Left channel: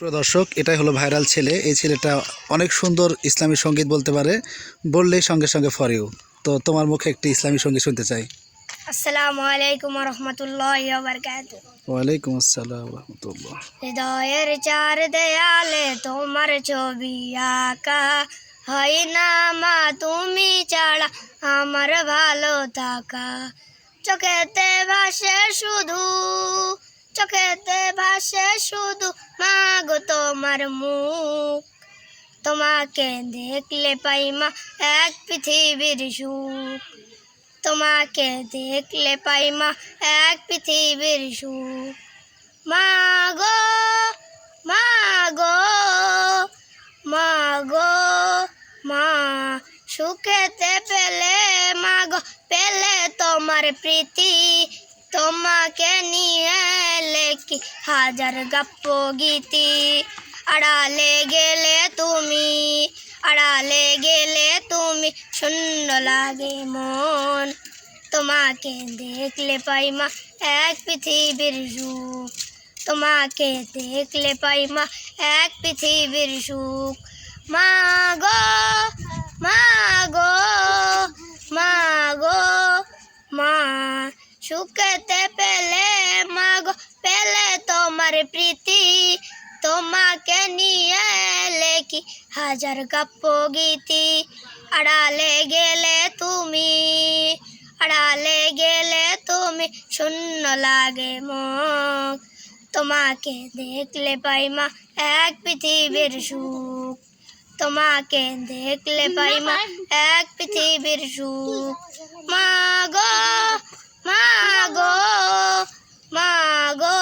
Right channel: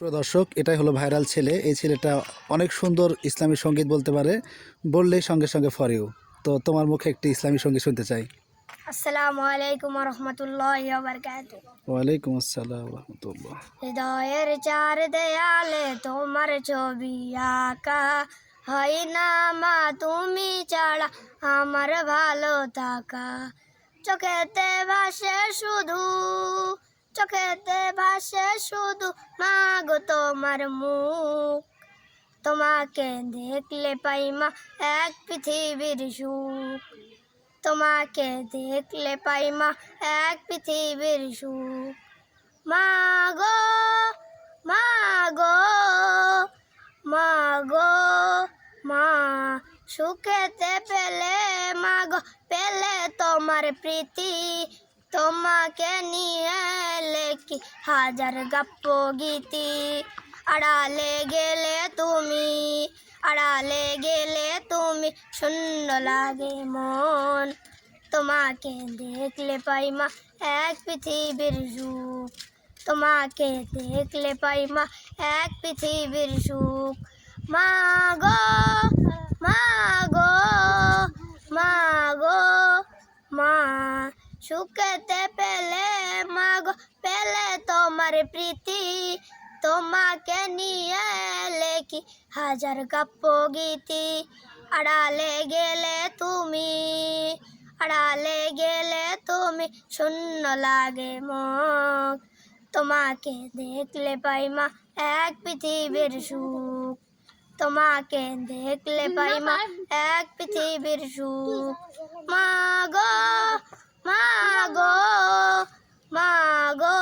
প্রিয় দর্শক, এটাই হলো ভাইরাল ছেলে। এই ছেলেটা অনেক সুন্দর ইসলামী সঙ্গীত বলতে পারে, বললেই সঙ্গে সঙ্গে ফর ইউ। তো তোমার মুখে একটি ইসলামী সঙ্গীত শুনতে চাই। আসসালামু আলাইকুম ওয়া রাহমাতুল্লাহি ওয়া বারাকাতুহু। ওয়ালাইকুম আসসালাম রহমতুল্লাহ। হৃদয়ের চার দেয়ালে তোমার ছবি আঁকা, হয় না মা তুমি ছাড়া আমার ভালো থাকা। চোখেতে ভাসে শুধু, চোখেতে ভাসে শুধু মা গো তোমার মুখ। তোমাকে দেখলে পাই মা এক পৃথিবীর সুখ। তোমাকে দেখলে পাই মা এক পৃথিবীর সুখ। মা গো, মা গো, মা গো, মা সুখেতে পেলে মা গো, পেলে তোমার প্রীতি। তোমাকে নিয়ে লেখি হাজার গপ্প গীতি। আড়ালে গেলে তুমি, আড়ালে গেলে তুমি, শূন্য লাগে মন। তোমাকে দেখলে পাই মা এক পৃথিবীর সুখ। তোমাকে দেখলে পাই মা এক পৃথিবীর সুখ। মা গো, মা গো, মা গো, মা সুখেতে পেলে মা গো, পেলে তোমার প্রীতি। তোমাকে নিয়ে লেখি হাজার কাব্য গীতি। আড়ালে গেলে তুমি, আড়ালে গেলে তুমি, শূন্য লাগে মন। তোমাকে দেখলে পাই মা এক পৃথিবীর সুখ। তোমাকে দেখলে পাই মা এক পৃথিবীর সুখ। মা গো, মা গো, মা গো,